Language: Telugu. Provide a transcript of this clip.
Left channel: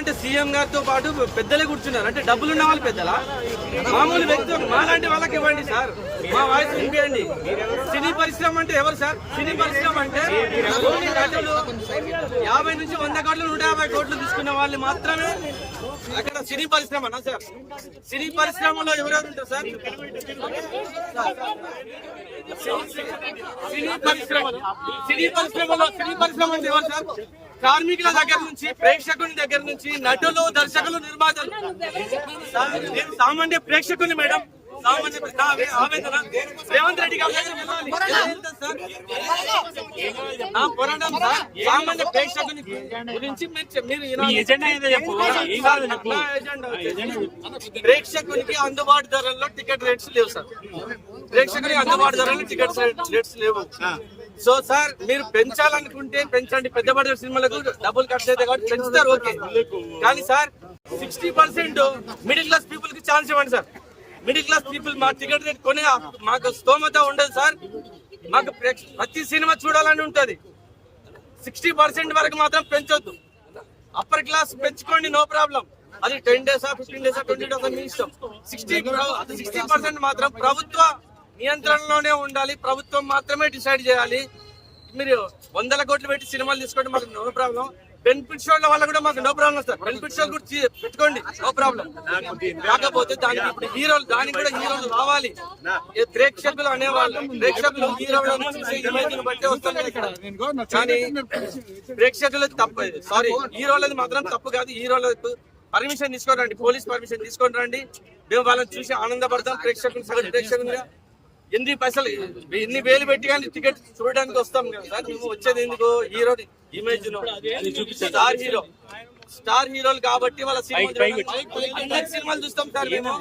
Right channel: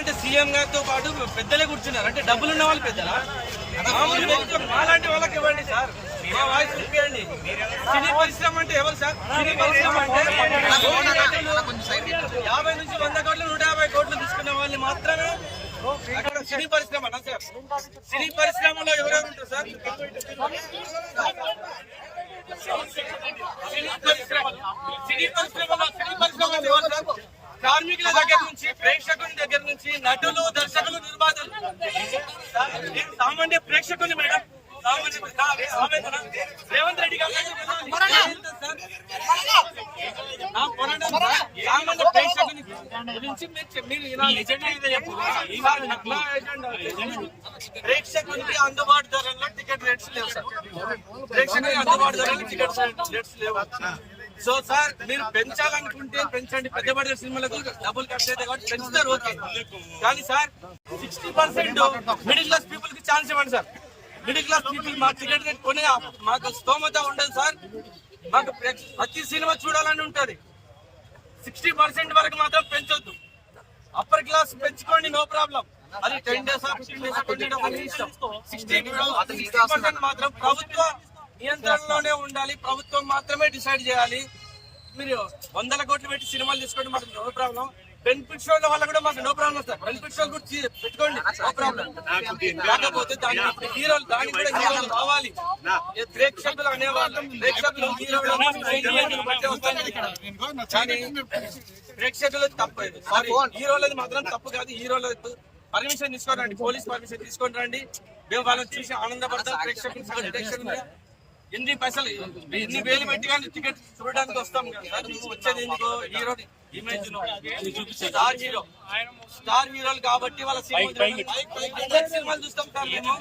అంటే సీఎం గారితో పాటు పెద్దలే కూర్చున్నారు. అంటే డబ్బులున్న వాళ్ళు పెద్దలా, మామూలు వ్యక్తులు మాలాంటి వాళ్ళకి ఇవ్వండి సార్, మా వాయిస్ వినిపించండి. సినీ పరిశ్రమ అంటే ఎవరు సార్? సినీ పరిశ్రమ అంటే 50 నుంచి 100 కోట్లు 150 కోట్లు తీసుకున్న వాళ్ళు మాత్రమే అక్కడ సినీ పరిశ్రమ అన్నా సార్. సినీ పరిశ్రమలో ఎవరెవరు ఉంటారు సార్? సినీ పరిశ్రమ ఎవరు సార్? కార్మికుల దగ్గర నుంచి, ప్రేక్షకుని దగ్గర నుంచి, నటులు, దర్శకులు, నిర్మాతలు, సామాన్య ప్రేక్షకుని మేడం, రేవంత్ రెడ్డి గారు సామాన్య ప్రేక్షకుని గురించి ప్రేక్షకునికి అందుబాటు ధరల్లో టికెట్ రేట్స్ లేవు సార్. ప్రేక్షకునికి అందుబాటు ధరల్లో టికెట్ రేట్స్ లేవు. సో సార్, మీరు పెంచాలనుకుంటే పెంచండి. పెద్ద బడ్జెట్ సినిమాలకు డబ్బులు ఖర్చు అయితే కాబట్టి పెంచుతారు, ఓకే. కానీ సార్ 60% మిడిల్ క్లాస్ పీపుల్ కి ఛాన్స్ ఇవ్వండి సార్. మిడిల్ క్లాస్ పీపుల్ మా టికెట్ రేట్ కొని మాకు స్తోమత ఉండదు సార్. మాకు ప్రతి సినిమా చూడాలని ఉంటది. 60% వరకు మాత్రం పెంచొద్దు. అప్పర్ క్లాస్ పెంచుకోండి, నో ప్రాబ్లం. అది 10 days 15 days 20 days అని ఇష్టం. 60% మాత్రం ప్రభుత్వ నియంత్రణలోనే ఉండాలి. ప్రభుత్వం మాత్రమే డిసైడ్ చేయాలి. మీరు 100 కోట్లు పెట్టి సినిమాలు తీసుకోండి, మాకు నో ప్రాబ్లం. బెనిఫిట్ షోల వల్ల కూడా మాకు నో ప్రాబ్లం సార్. బెనిఫిట్ షోలు కూడా పెట్టుకోండి, నో ప్రాబ్లం. కాకపోతే దానికి హీరోలు, దానికి కూడా హీరోలు రావాలి. ప్రేక్షకులు అనేవాళ్ళు, ప్రేక్షకులు హీరోలు బట్టే వస్తారు. కానీ ప్రేక్షకులు తప్పు, సారీ హీరోలది మాత్రం తప్పు కాదు. హీరోలకు పర్మిషన్ తీసుకొని రండి, పోలీస్ పర్మిషన్ తీసుకొని రండి. మేము వాళ్ళని చూసి ఆనందపడతాం. ప్రేక్షకులు ఎన్ని పైసలు, ఎన్ని వేలు పెట్టి కానీ టికెట్ చూడడానికి వస్తాం కదా. నువ్వు వచ్చేది ఎందుకు? హీరో ఇమేజ్ స్టార్ హీరోలు కాబట్టి వాళ్ళ సినిమాలు చూస్తాం సార్ మేము.